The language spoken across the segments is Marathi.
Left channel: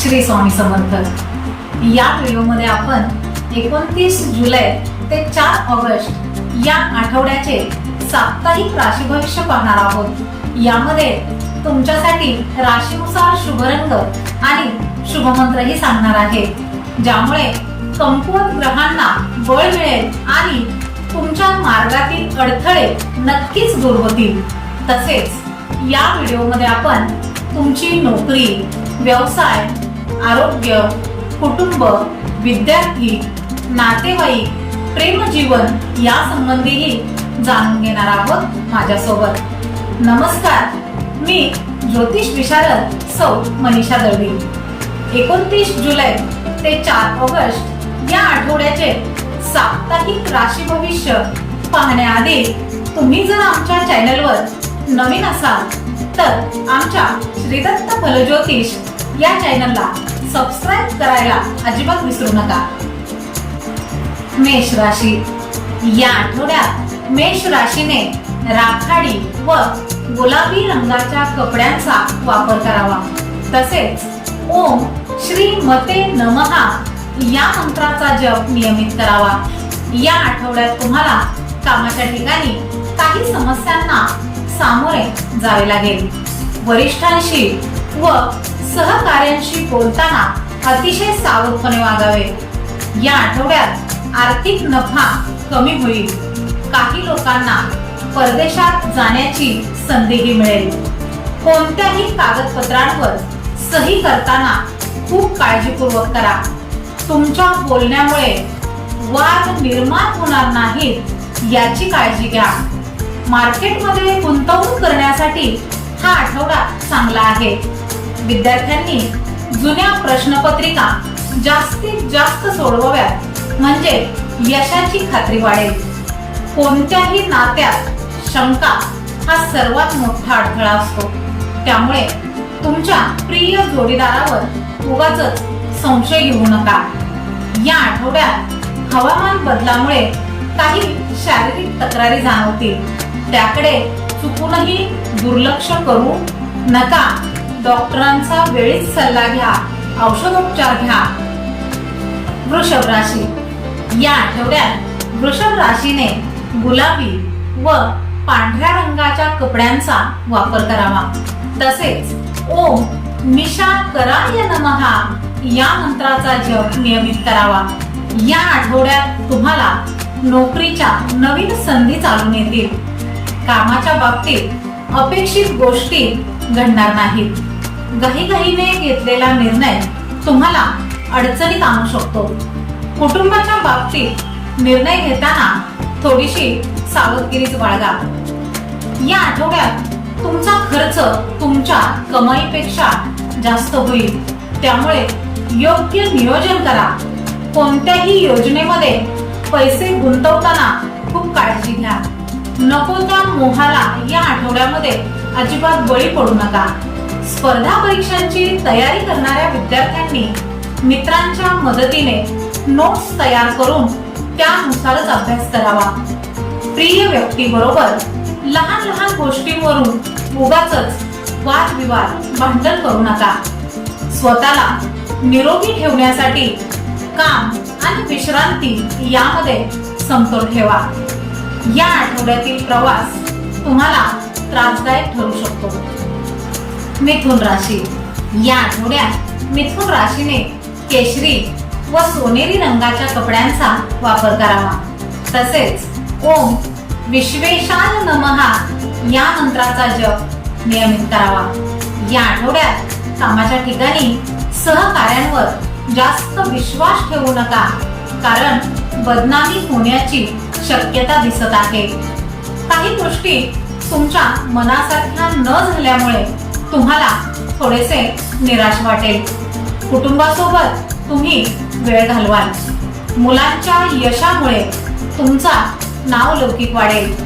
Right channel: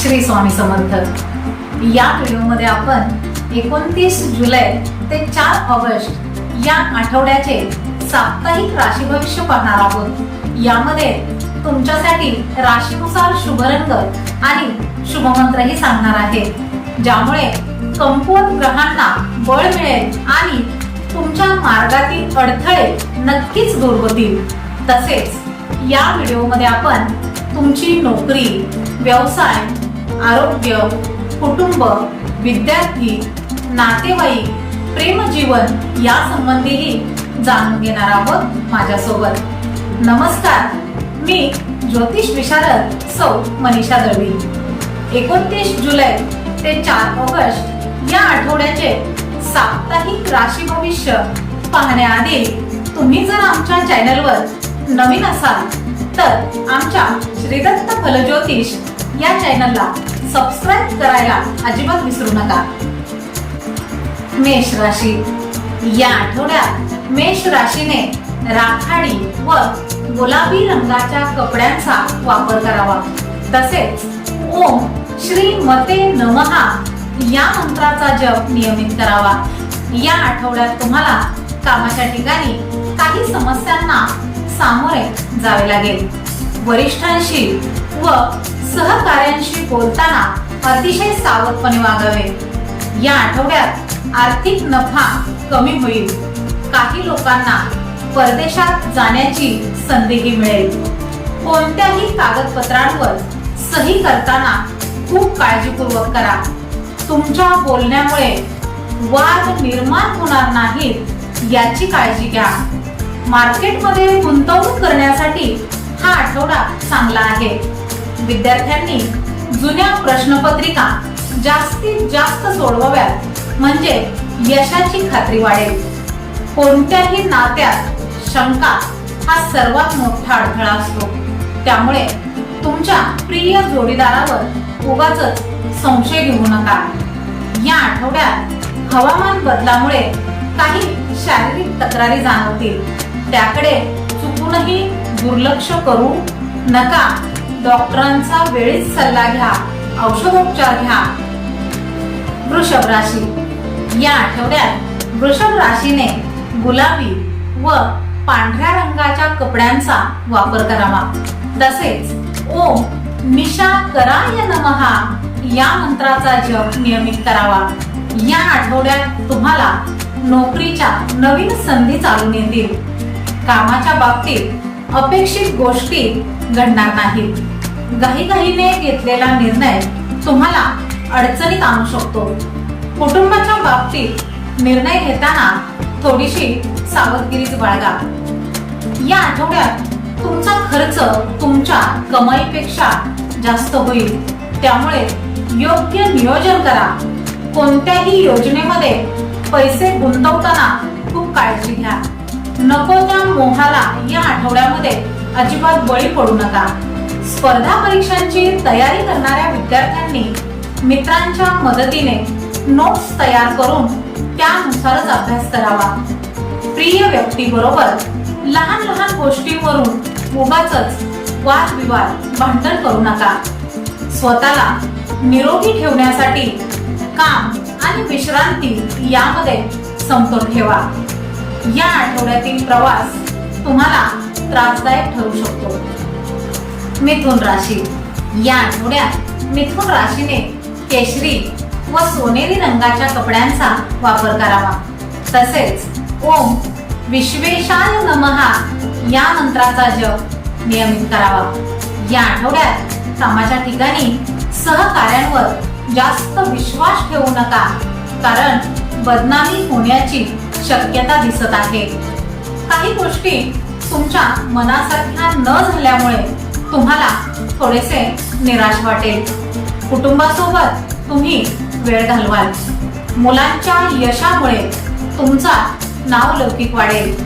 श्री स्वामी समर्थ. या व्हिडिओमध्ये आपण एकोणतीस जुलै ते चार ऑगस्ट या आठवड्याचे साप्ताहिक राशी भविष्य पाहणार आहोत. यामध्ये तुमच्यासाठी राशीनुसार शुभरंग आणि शुभमंत्रही सांगणार आहे. ज्यामुळे कमकुवत ग्रहांना बळ मिळेल आणि तुमच्या मार्गातील अडथळे नक्कीच दूर होतील. तसेच या व्हिडिओमध्ये आपण तुमची नोकरी व्यवसाय आरोग्य कुटुंब विद्यार्थी नातेवाईक प्रेमजीवन या संबंधीही जाणून घेणार आहोत माझ्यासोबत. नमस्कार मी ज्योतिष विशारद सौ मनीषा दळवी. एकोणतीस जुलै ते चार ऑगस्ट या आठवड्याचे साप्ताहिक राशी भविष्य पाहण्याआधी तुम्ही जर आमच्या चॅनलवर नवीन असाल तर आमच्या श्रीदत्त फलज्योतिष या चॅनलला सबस्क्राईब करायला अजिबात विसरू नका. मेष राशी. या आठवड्यात मेष राशीने राखाडी व गुलाबी रंगाच्या कपड्यांचा वापर करावा. तसेच ओम श्री मते नमहा या मंत्राचा जप नियमित करावा. या आठवड्यात तुम्हाला कामाच्या ठिकाणी काही समस्यांना सामोरे जावे लागेल. वरिष्ठांशी व सहकार्यांशी बोलताना अतिशय सावधपणे वागावे. या आठवड्यात आर्थिक नफा कमी होईल. काही लोकांना परदेशात जाण्याची संधीही मिळेल. कोणत्याही कागदपत्रांवर सही करताना खूप काळजीपूर्वक करा. तुमच्या बोलण्यामुळे वाद निर्माण होणार नाहीत याची काळजी घ्या. मार्केटमध्ये गुंतवणूक करण्यासाठी हा आठवडा चांगला आहे. विद्यार्थ्यांनी जुन्या प्रश्नपत्रिका जास्तीत जास्त सोडवाव्यात म्हणजे यशाची खात्री वाढेल. कोणत्याही नात्यात शंका हा सर्वात मोठा अडथळा असतो. त्यामुळे तुमच्या प्रिय जोडीदारावर उगाच संशय घेऊ नका. या आठवड्यात हवामान बदलामुळे काही शारीरिक तक्रारी जाणवतील. त्याकडे चुकूनही दुर्लक्ष करू नका. डॉक्टरांचा वेळीच सल्ला घ्या. औषधोपचार घ्या. वृषभ राशी. या आठवड्यात वृषभ राशीने गुलाबी व पांढऱ्या रंगाच्या कपड्यांचा वापर करावा. तसेच ओम निशा कराय नमहा या मंत्राचा जप नियमित करावा. या आठवड्यात तुम्हाला नोकरीच्या नवीन संधी चालून येतील. कामाच्या बाबतीत अपेक्षित गोष्टी घडणार नाहीत. घाईघाईने घेतलेला निर्णय तुम्हाला अडचणीत आणू शकतो. कुटुंबाच्या बाबतीत निर्णय घेताना थोडीशी सावधगिरीच बाळगा. या आठवड्यात तुमचा खर्च तुमच्या कमाईपेक्षा जास्त होईल. त्यामुळे योग्य नियोजन करा. कोणत्याही योजनेमध्ये पैसे गुंतवताना खूप काळजी घ्या. नको त्या मोहाला या आठवड्यामध्ये? अजिबात बळी पडू नका. स्पर्धा परीक्षांची तयारी करणाऱ्या विद्यार्थ्यांनी मित्रांच्या मदतीने नोट्स तयार करून त्यानुसारच अभ्यास करावा. प्रिय व्यक्तीबरोबर लहान लहान गोष्टींवरून उगाच वादविवाद भांडण करू नका. स्वतःला निरोगी ठेवण्यासाठी काम आणि विश्रांती यामध्ये समतोल ठेवा. या आठवड्यातील प्रवास तुम्हाला त्रासदायक ठरू शकतो. मिथुन राशी. या आठवड्यात मिथुन राशीने केशरी व सोनेरी रंगाच्या कपड्यांचा वापर करावा. तसेच ओम विश्वेशाय नमहा या मंत्राचा जप नियमित करावा. या आठवड्यात कामाच्या ठिकाणी सहकार्यांवर जास्त विश्वास ठेवू नका. कारण बदनामी होण्याची शक्यता दिसत आहे. काही गोष्टी तुमच्या मनासारख्या न झाल्यामुळे तुम्हाला थोडेसे निराश वाटेल. कुटुंबासोबत तुम्ही वेळ घालवाल. मुलांच्या यशामुळे तुमचा नाव लौकिक वाढेल.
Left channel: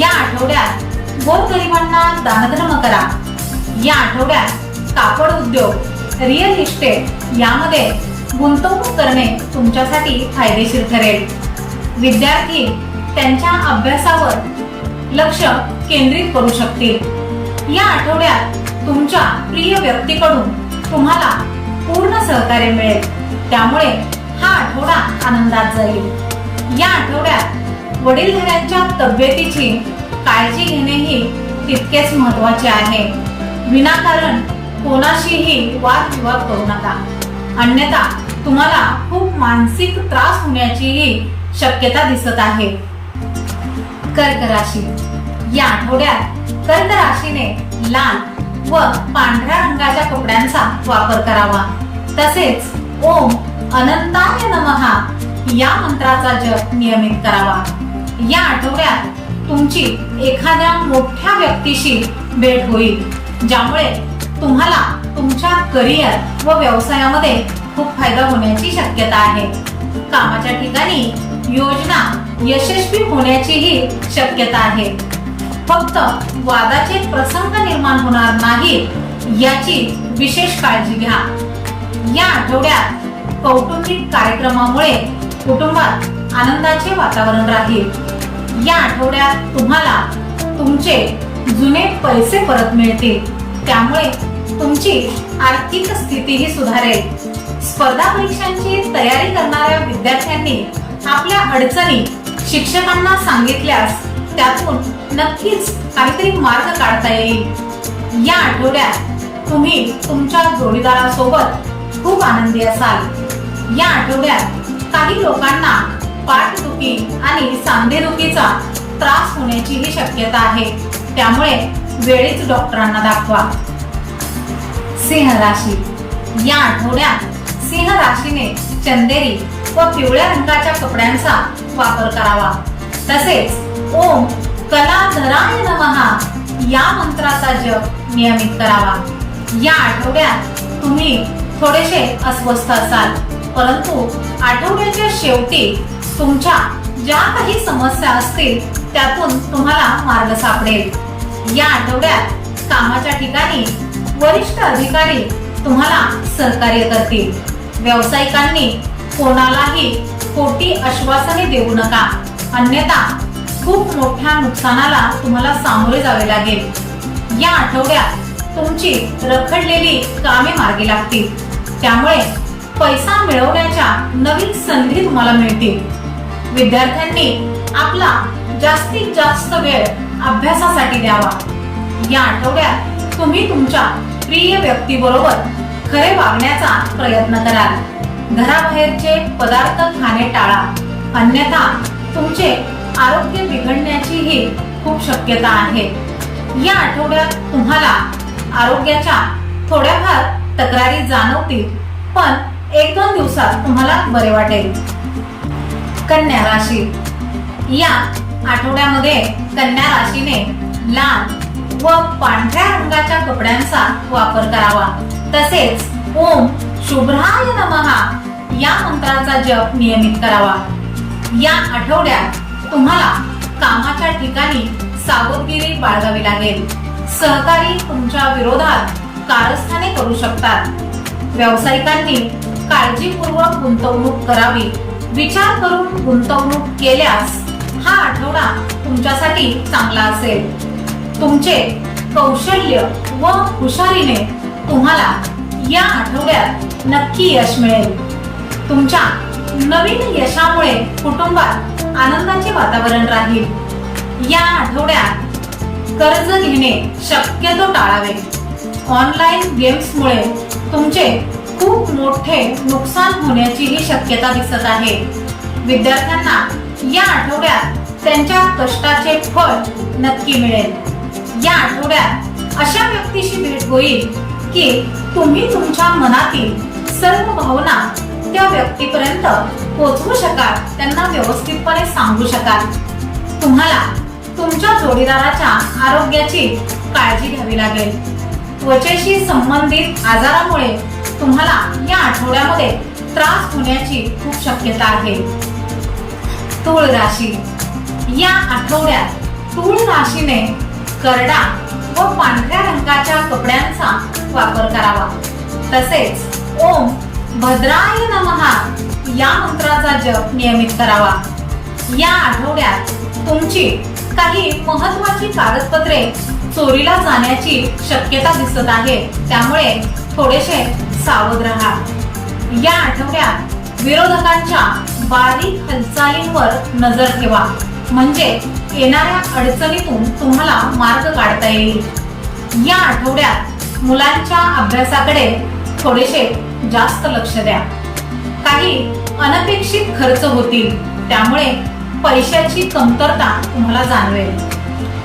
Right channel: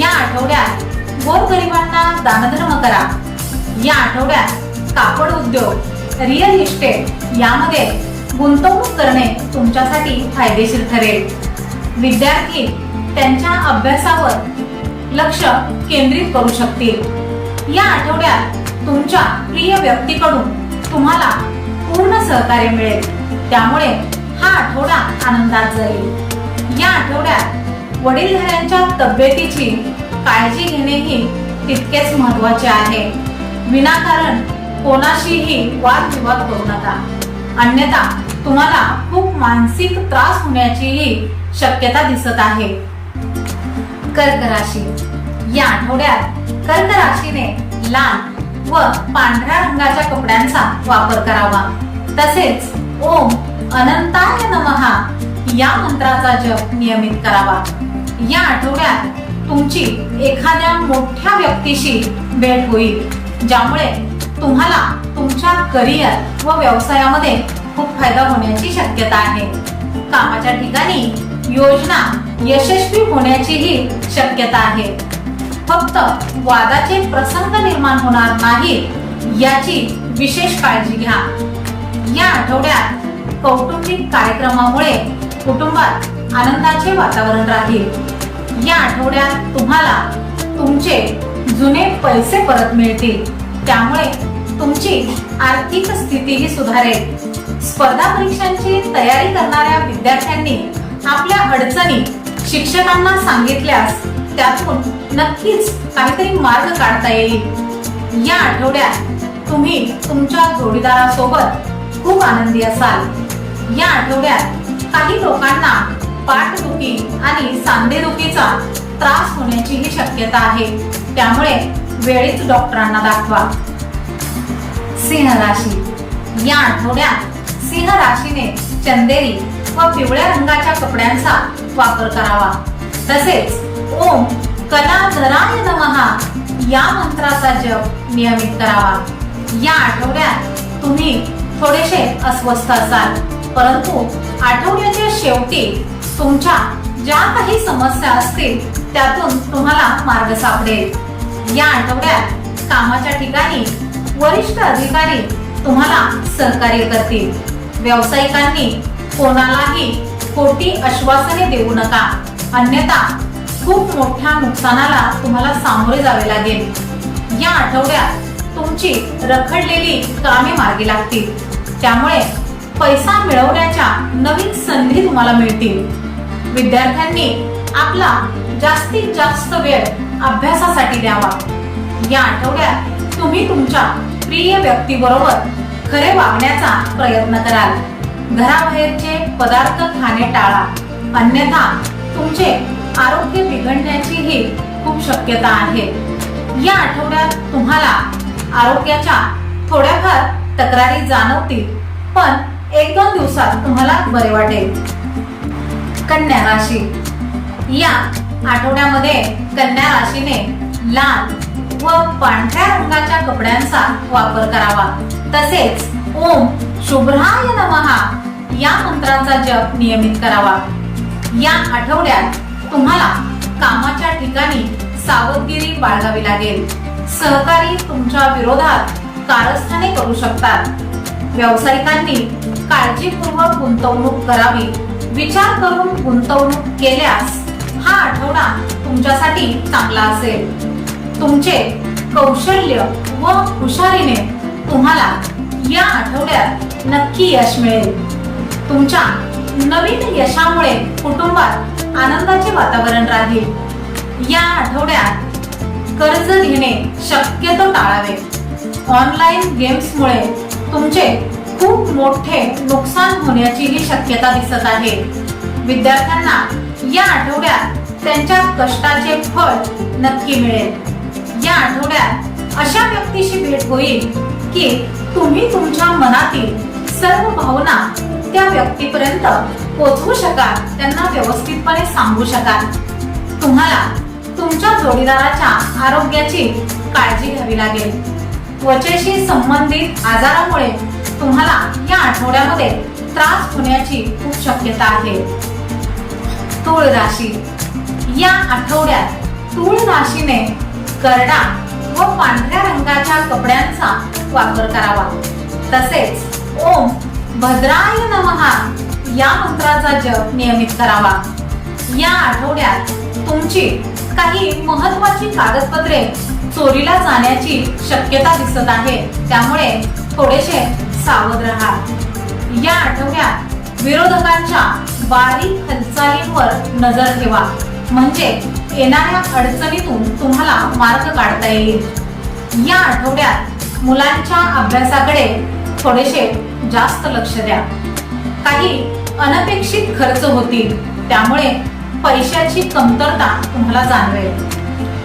या आठवड्यात गोरगरिबांना दानधर्म करा. या आठवड्यात कापड उद्योग रिअल इस्टेट यामध्ये गुंतवणूक करणे तुमच्यासाठी फायदेशीर ठरेल. विद्यार्थी त्यांच्या अभ्यासावर लक्ष केंद्रित करू शकतील. या आठवड्यात तुमच्या प्रिय व्यक्तीकडून तुम्हाला पूर्ण सहकार्य मिळेल. त्यामुळे हा आठवडा आनंदात जाईल. या आठवड्यात वडीलधाऱ्यांच्या तब्येतीची काळजी घेणेही तितकेच महत्त्वाचे आहे. विनाकारण कोणाशीही वादविवाद करू नका. अन्यथा तुम्हाला खूप मानसिक त्रास होण्याचीही शक्यता दिसत आहे. कर्क राशी. या आठवड्यात कर्क राशीने लाल व पांढऱ्या रंगाच्या कपड्यांचा वापर करावा. तसेच ओम अनंताय नमहा या मंत्राचा जप नियमित करावा. या आठवड्यात तुमची एखाद्या मोठ्या व्यक्तीशी भेट होईल ज्यामुळे तुम्हाला तुमच्या करिअर व व्यवसायामध्ये खूप फायदा होण्याची शक्यता आहे. कामाच्या ठिकाणी योजना यशस्वी होण्याचीही शक्यता आहे. फक्त वादाचे प्रसंग निर्माण होणार नाही याची विशेष काळजी घ्या. या आठवड्यात कौटुंबिक कार्यक्रमामुळे कुटुंबात आनंदाचे वातावरण राहील. या आठवड्यात तुम्हाला तुमचे जुने पैसे परत मिळतील. त्यामुळे तुमची आर्थिक स्थितीही सुधारेल. स्पर्धा परीक्षांची तयारी करणाऱ्या विद्यार्थ्यांनी आपल्या अडचणी शिक्षकांना सांगितल्यास त्यातून नक्कीच काहीतरी मार्ग काढता येईल. या आठवड्यात तुम्ही तुमच्या जोडीदारासोबत खूप आनंदी असाल. या आठवड्यात काही लोकांना पाठदुखी आणि सांधेदुखीचा त्रास होण्याचीही शक्यता आहे. त्यामुळे वेळीच डॉक्टरांना दाखवा. सिंह राशी. या आठवड्यात सिंह राशीने चंदेरी व पिवळ्या रंगाच्या कपड्यांचा वापर करावा. तसेच ओम कलाधराय नमहा या मंत्राचा जप नियमित करावा. या आठवड्यात तुम्ही थोडेसे अस्वस्थ असाल. परंतु आठवड्याच्या शेवटी तुमच्या ज्या काही समस्या असतील त्यातून तुम्हाला मार्ग सापडेल. या आठवड्यात कामाच्या ठिकाणी वरिष्ठ अधिकारी तुम्हाला सहकार्य करतील. व्यावसायिकांनी कोणालाही खोटी आश्वासने देऊ नका. अन्यथा खूप मोठ्या नुकसानाला तुम्हाला सामोरे जावे लागेल. या आठवड्यात तुमची रखडलेली कामे मार्गी लागतील. त्यामुळे पैसा मिळवण्याच्या नवीन संधी तुम्हाला मिळतील. विद्यार्थ्यांनी आपला जास्तीत जास्त वेळ अभ्यासासाठी द्यावा. या आठवड्यात तुम्ही तुमच्या प्रिय व्यक्तीबरोबर खरे वागण्याचा प्रयत्न कराल. घराबाहेरचे पदार्थ खाणे टाळा. अन्यथा तुमचे आरोग्य बिघडण्याचीही खूप शक्यता आहे. या आठवड्यात तुम्हाला आरोग्याच्या थोड्याफार तक्रारी जाणवतील पण एक दोन दिवसात तुम्हाला बरे वाटेल. कन्या राशी. या आठवड्यामध्ये कन्या राशीने लाल व पांढऱ्या रंगाच्या कपड्यांचा वापर करावा. तसेच ओम शुभ्राय नमहा या मंत्राचा जप नियमित करावा. या आठवड्यात तुम्हाला कामाच्या ठिकाणी सावधगिरी बाळगावी लागेल. सहकारी तुमच्या विरोधात कारस्थाने करू शकतात. व्यावसायिकांनी काळजीपूर्वक गुंतवणूक करावी. विचार करून गुंतवणूक केल्यास हा आठवडा तुमच्यासाठी चांगला असेल. तुमचे कौशल्य व हुशारीने तुम्हाला या आठवड्यात नक्की यश मिळेल. तुमच्या नवीन यशामुळे कुटुंबात आनंदाचे वातावरण राहील. या आठवड्यात कर्ज घेणे शक्यतो टाळावे. ऑनलाईन गेम्समुळे तुमचे खूप मोठे नुकसान होण्याचीही शक्यता दिसत आहे. विद्यार्थ्यांना या आठवड्यात त्यांच्या कष्टाचे फळ नक्की मिळेल. या आठवड्यात अशा व्यक्तीशी भेट होईल की तुम्ही तुमच्या मनातील सर्व भावना त्या व्यक्तीपर्यंत पोचवू शकाल त्यांना व्यवस्थितपणे सांगू शकाल. तुम्हाला तुमच्या जोडीदाराच्या आरोग्याची काळजी घ्यावी लागेल. त्वचेशी संबंधित आजारामुळे तुम्हाला या आठवड्यामध्ये त्रास होण्याची खूप शक्यता आहे. तूळ राशी या आठवड्यात तूळ राशीने करडा व पांढऱ्या रंगाच्या कपड्यांचा वापर करावा. तसेच ओम भद्राय नमहा या मंत्राचा जप नियमित करावा. या आठवड्यात तुमची काही महत्वाची कागदपत्रे चोरीला जाण्याची शक्यता दिसत आहे. त्यामुळे थोडेसे सावध राहा. या आठवड्यात विरोधकांच्या बारीक हालचालींवर नजर ठेवा. म्हणजे येणाऱ्या अडचणीतून तुम्हाला मार्ग काढता येईल. या आठवड्यात मुलांच्या अभ्यासाकडे थोडेसे जास्त लक्ष द्या. काही अनपेक्षित खर्च होतील त्यामुळे पैशाची कमतरता तुम्हाला जाणवेल.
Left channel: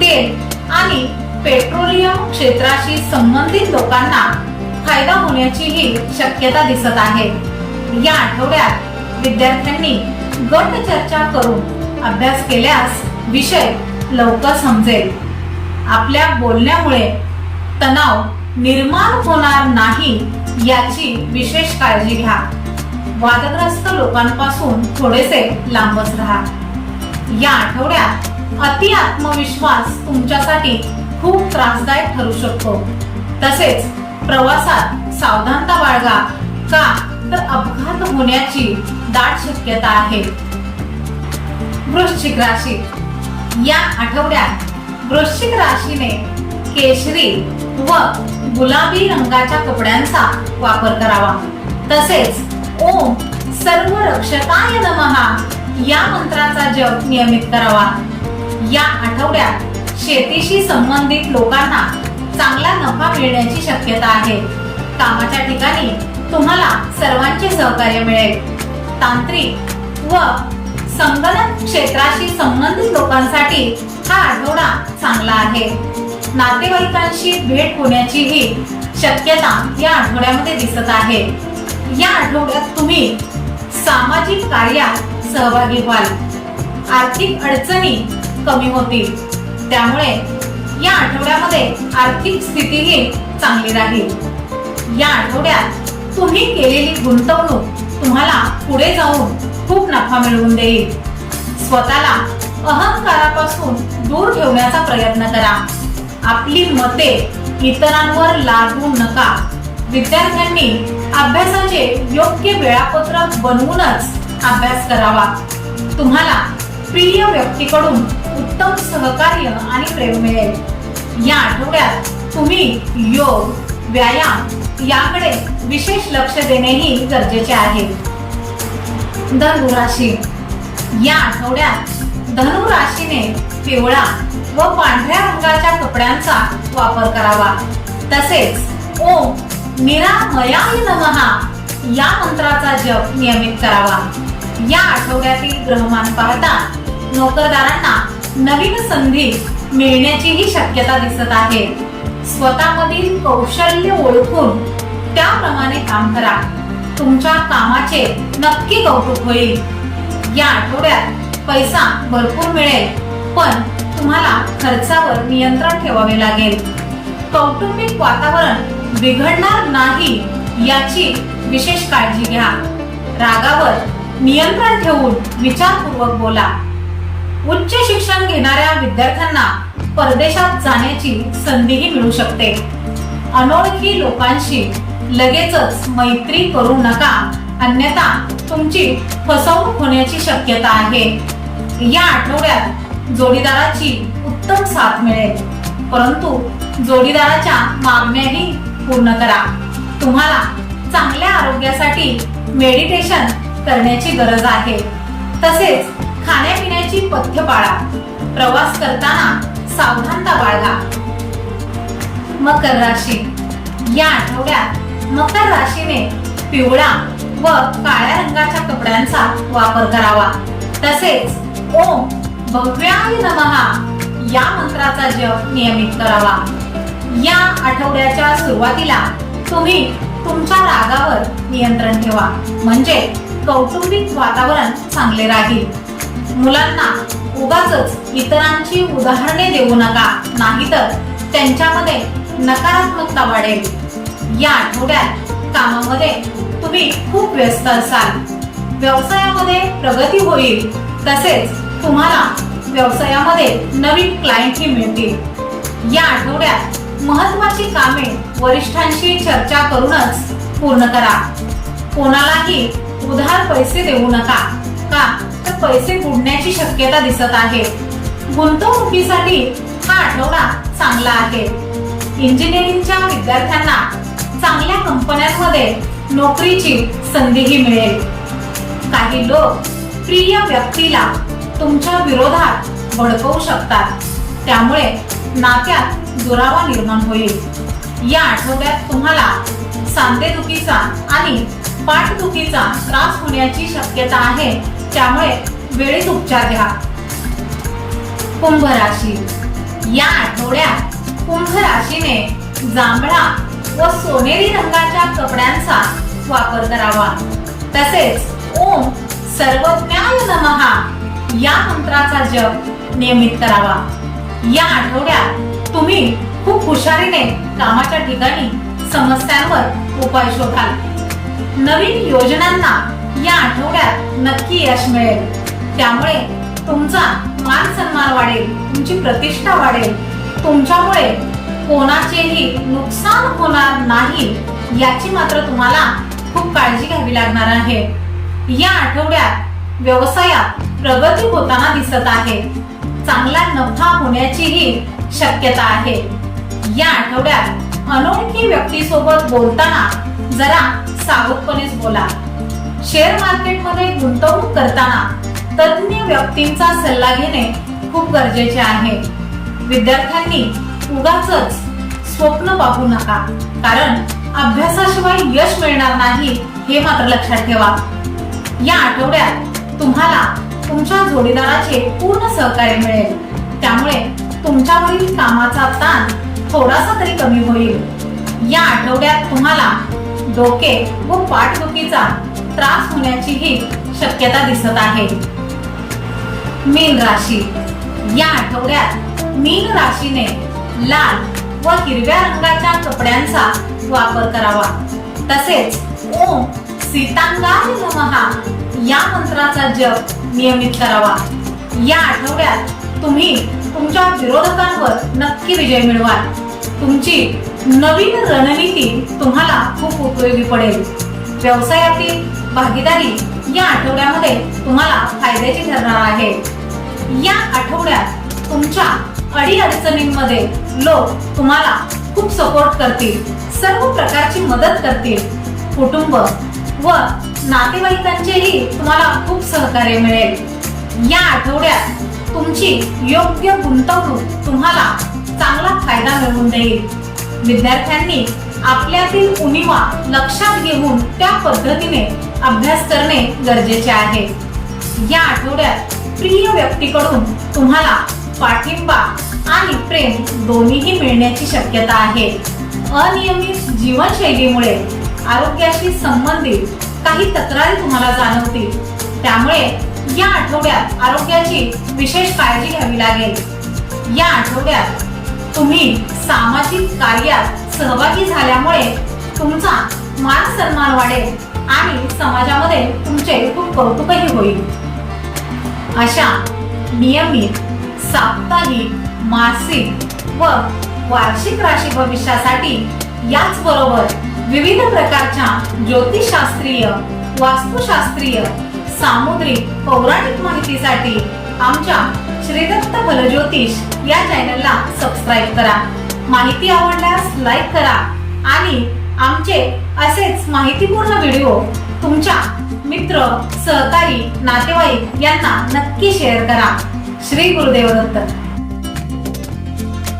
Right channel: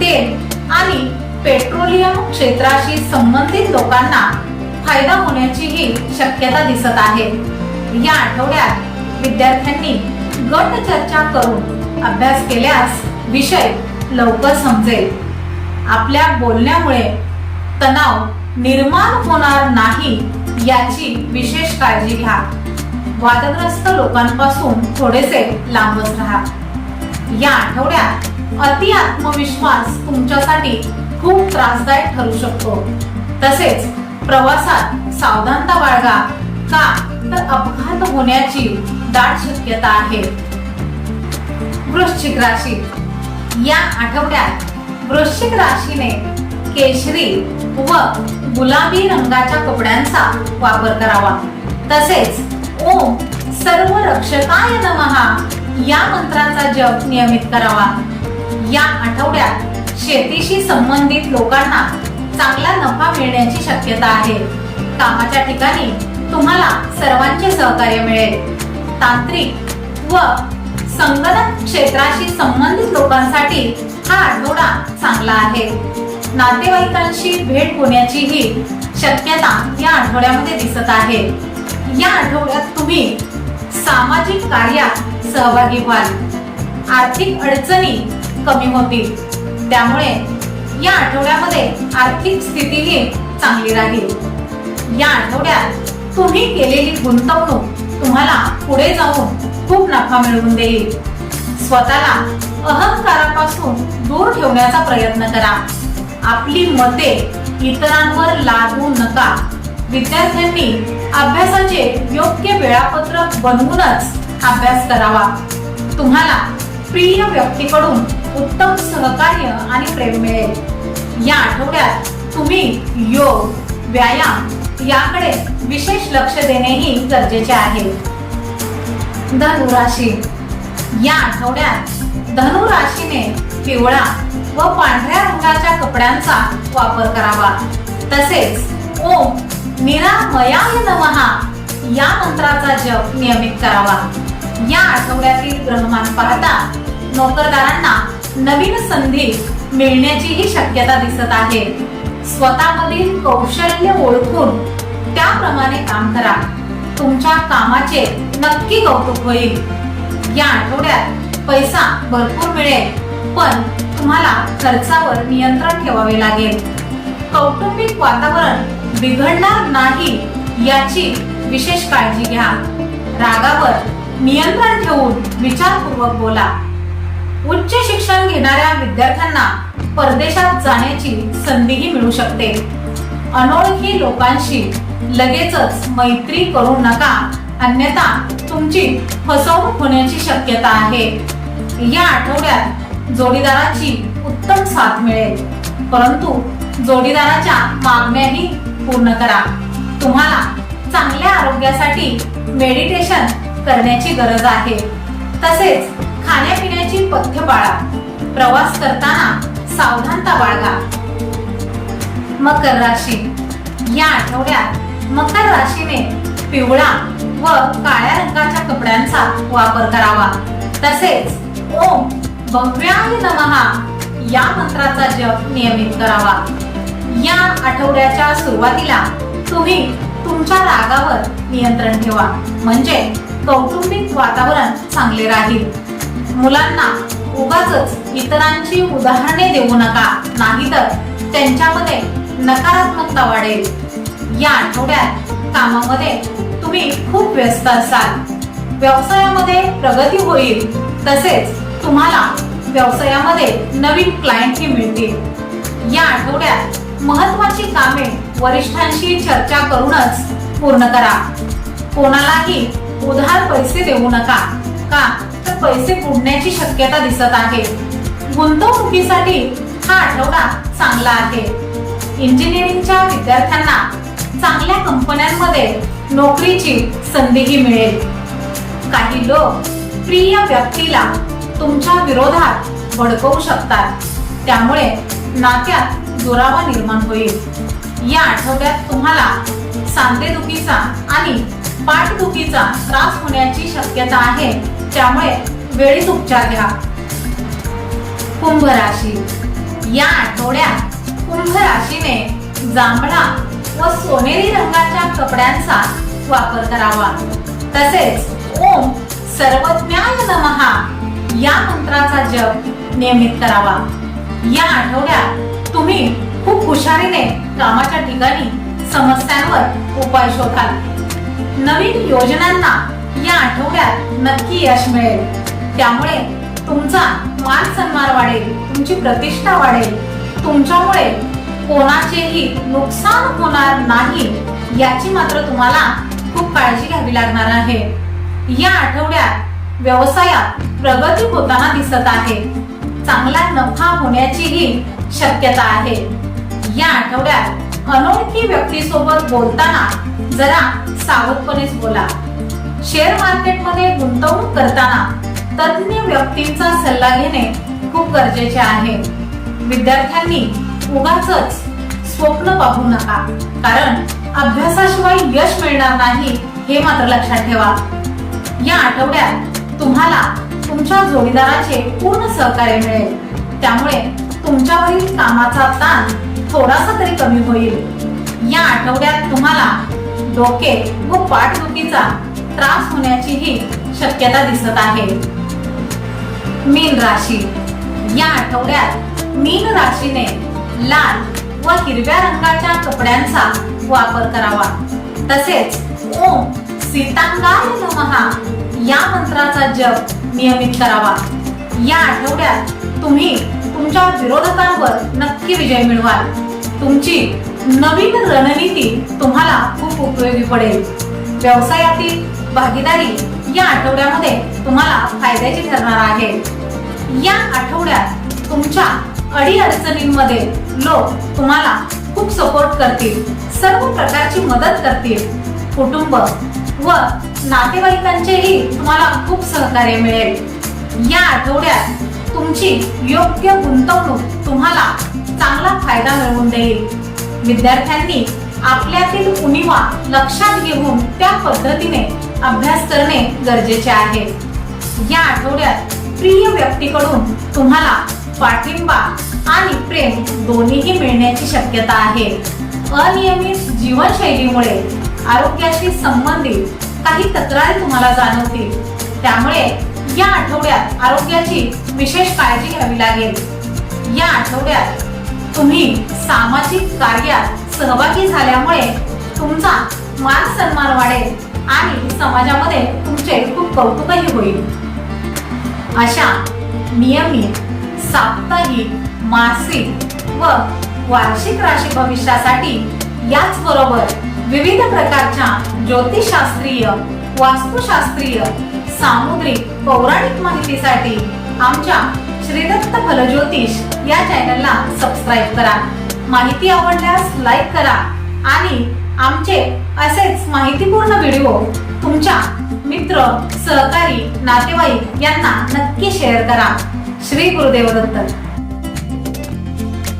तेल आणि पेट्रोलियम क्षेत्राशी संबंधित लोकांना फायदा होण्याचीही शक्यता दिसत आहे. या आठवड्यात विद्यार्थ्यांनी गट चर्चा करून अभ्यास केल्यास विषय लवकर समजेल. आपल्या बोलण्यामुळे तणाव निर्माण होणार नाही याची विशेष काळजी घ्या. वादग्रस्त लोकांपासून थोडेसे लांबच राहा. या आठवड्यात अति आत्मविश्वास तुमच्यासाठी खूप त्रासदायक ठरू शकतो. तसेच प्रवासात सावधानता बाळगा. का? तर अपघात होण्याची दाट शक्यता आहे. वृश्चिक राशी. या आठवड्यात वृश्चिक राशीने केशरी व गुलाबी रंगाच्या कपड्यांचा वापर करावा. तसेच ओम सर्व रक्षकाय नमहा या मंत्राचा जप नियमित करावा. या आठवड्यात शेतीशी संबंधित लोकांना चांगला नफा मिळण्याची शक्यता आहे. कामाच्या ठिकाणी तुम्हाला सर्वांचे सहकार्य मिळेल. तांत्रिक व संगणक क्षेत्राशी संबंधित लोकांसाठी हा आठवडा चांगला आहे. नातेवाईकांशी भेट होण्याचीही शक्यता या आठवड्यामध्ये दिसत आहे. या आठवड्यात तुम्ही सामाजिक कार्यात सहभागी व्हाल. आर्थिक अडचणी कमी होतील. त्यामुळे या आठवड्यामध्ये आर्थिक स्थितीही चांगली राहील. या आठवड्यात तुम्ही केलेली गुंतवणूक तुम्हाला पुढे जाऊन खूप नफा मिळवून देईल. स्वतःला अहंकारापासून दूर ठेवण्याचा प्रयत्न करा. आपली मते इतरांवर लादू नका. विद्यार्थ्यांनी अभ्यासाचे योग्य वेळापत्रक बनवूनच अभ्यास करावा. तुम्हाला प्रिय व्यक्तीकडून उत्तम सहकार्य आणि प्रेम मिळेल. या आठवड्यात तुम्ही योग व्यायाम याकडे विशेष लक्ष देणेही गरजेचे आहे. धनु राशी या आठवड्यात धनु राशीने पिवळा व पांढऱ्या रंगाच्या कपड्यांचा वापर करावा. तसेच ओम निरामयाय नमहा या मंत्राचा जप नियमित करावा. या आठवड्यातील ग्रहमान पाहता नोकरदारांना नवीन संधी मिळण्याचीही शक्यता दिसत आहे. स्वतःमधील कौशल्य ओळखून त्याप्रमाणे काम करा. तुमच्या कामाचे नक्की कौतुक होईल. या आठवड्यात पैसा भरपूर मिळेल पण तुम्हाला खर्चावर नियंत्रण ठेवावे लागेल. कौटुंबिक वातावरण बिघडणार नाही याची विशेष काळजी घ्या. रागावर नियंत्रण ठेवून विचारपूर्वक बोला. उच्च शिक्षण घेणाऱ्या विद्यार्थ्यांना परदेशात जाण्याची संधीही मिळू शकते. अनोळखी लोकांशी लगेचच मैत्री करू नका. अन्यथा तुमची फसवणूक होण्याची शक्यता आहे. या आठवड्यात जोडीदाराची उत्तम साथ मिळेल. परंतु जोडीदाराच्या मागण्याही पूर्ण करा. तुम्हाला चांगल्या आरोग्यासाठी मेडिटेशन करण्याची गरज आहे. तसेच खाण्यापिण्याची पथ्य पाळा. प्रवास करताना सावधानता बाळगा. मकर राशी. या आठवड्यात मकर राशीने पिवळा व काळ्या रंगाच्या कपड्यांचा वापर करावा. तसेच ओम भव्याय नमहा या मंत्राचा जप नियमित करावा. या आठवड्याच्या सुरुवातीला तुम्ही तुमच्या रागावर नियंत्रण ठेवा. म्हणजे कौटुंबिक वातावरण चांगले राहील. मुलांना उगाच इतरांची उदाहरणे देऊ नका. नाहीतर त्यांच्यामध्ये नकारात्मकता वाढेल. या आठवड्यात कामामध्ये तुम्ही खूप व्यस्त असाल. व्यवसायामध्ये प्रगती होईल तसेच तुम्हाला व्यवसायामध्ये नवीन क्लायंटही मिळतील. या आठवड्यात महत्वाची कामे वरिष्ठांशी चर्चा करूनच पूर्ण करा. कोणालाही उधार पैसे देऊ नका का तर पैसे बुडण्याची शक्यता दिसत आहे. गुंतवणुकीसाठी हा आठवडा चांगला आहे. इंजिनिअरिंगच्या विद्यार्थ्यांना चांगल्या कंपन्यांमध्ये नोकरीची संधीही मिळेल. काही लोक प्रिय व्यक्तीला तुमच्या विरोधात भडकवू शकतात. त्यामुळे नात्यात दुरावा निर्माण होईल. या आठवड्यात तुम्हाला सांधेदुखीचा आणि पाठदुखीचा त्रास होण्याची शक्यता आहे. त्यामुळे वेळीच उपचार घ्या. कुंभ राशी या आठवड्यात कुंभ राशीने जांभळा व सोनेरी रंगाच्या कपड्यांचा वापर करावा. तसेच ओम सर्वज्ञाय नमहा या मंत्राचा जप नियमित करावा. या आठवड्यात तुम्ही खूप हुशारीने कामाच्या ठिकाणी समस्यांवर उपाय शोधाल. नवीन योजनांना या आठवड्यात नक्की यश मिळेल. त्यामुळे तुमचा मान सन्मान वाढेल तुमची प्रतिष्ठा वाढेल. तुमच्यामुळे कोणाचेही नुकसान होणार नाही याची मात्र तुम्हाला खूप काळजी घ्यावी लागणार आहे. या आठवड्यात व्यवसायात प्रगती होताना दिसत आहे. चांगला नफा होण्याचीही शक्यता आहे. या आठवड्यात अनोळखी व्यक्तीसोबत बोलताना जरा सावधपणेच बोला. शेअर मार्केटमध्ये गुंतवणूक करताना तज्ज्ञ व्यक्तींचा सल्ला घेणे खूप गरजेचे आहे. विद्यार्थ्यांनी उगाच स्वप्न पाहू नका. कारण अभ्यासाशिवाय यश मिळणार नाही हे मात्र लक्षात ठेवा. या आठवड्यात तुम्हाला तुमच्या जोडीदाराचे पूर्ण सहकार्य मिळेल. त्यामुळे तुमच्यावरील कामाचा ताण थोडासा तरी कमी होईल. या आठवड्यात तुम्हाला डोके व पाठदुखीचा त्रास होण्याचीही शक्यता दिसत आहे. मीन राशी. या आठवड्यात मीन राशीने लाल व हिरव्या रंगाच्या कपड्यांचा वापर करावा. तसेच ओम सीतांगाय नमहा या मंत्राचा जप नियमित करावा. या आठवड्यात तुम्ही तुमच्या विरोधकांवर नक्की विजय मिळवाल. तुमची नवीन रणनीती तुम्हाला खूप उपयोगी पडेल. व्यवसायातील भागीदारी या आठवड्यामध्ये तुम्हाला फायद्याची ठरणार आहे. या आठवड्यात तुमच्या अडीअडचणींमध्ये लोक तुम्हाला खूप सपोर्ट करतील सर्व प्रकारची मदत करतील. कुटुंब व नातेवाईकांचेही तुम्हाला खूप सहकार्य मिळेल. या आठवड्यात तुमची योग्य गुंतवणूक तुम्हाला चांगला फायदा मिळवून देईल. विद्यार्थ्यांनी आपल्यातील उणीवा लक्षात घेऊन त्या पद्धतीने अभ्यास करणे गरजेचे आहे. या आठवड्यात प्रिय व्यक्तीकडून तुम्हाला पाठिंबा आणि प्रेम दोन्हीही मिळण्याची शक्यता आहे. अनियमित जीवनशैलीमुळे आरोग्याशी संबंधित काही तक्रारी तुम्हाला जाणवतील. त्यामुळे या आठवड्यात आरोग्याची विशेष काळजी घ्यावी लागेल. या आठवड्यात तुम्ही सामाजिक कार्यात सहभागी झाल्यामुळे तुमचा मान सन्मान वाढेल आणि समाजामध्ये तुमचे खूप कौतुकही होईल. अशा नियमित साप्ताहिक मासिक व वार्षिक राशी भविष्यासाठी याचबरोबर विविध प्रकारच्या ज्योतिषशास्त्रीय वास्तुशास्त्रीय सामुद्रिक पौराणिक माहितीसाठी आमच्या श्रीदत्त फलज्योतिष या चॅनलला सबस्क्राईब करा. माहिती आवडल्यास लाईक करा आणि आमचे असेच माहितीपूर्ण व्हिडिओ तुमच्या मित्र सहकारी नातेवाईक यांना नक्की शेअर करा. ಶ್ರೀ ಗುರುದೇವರಂತ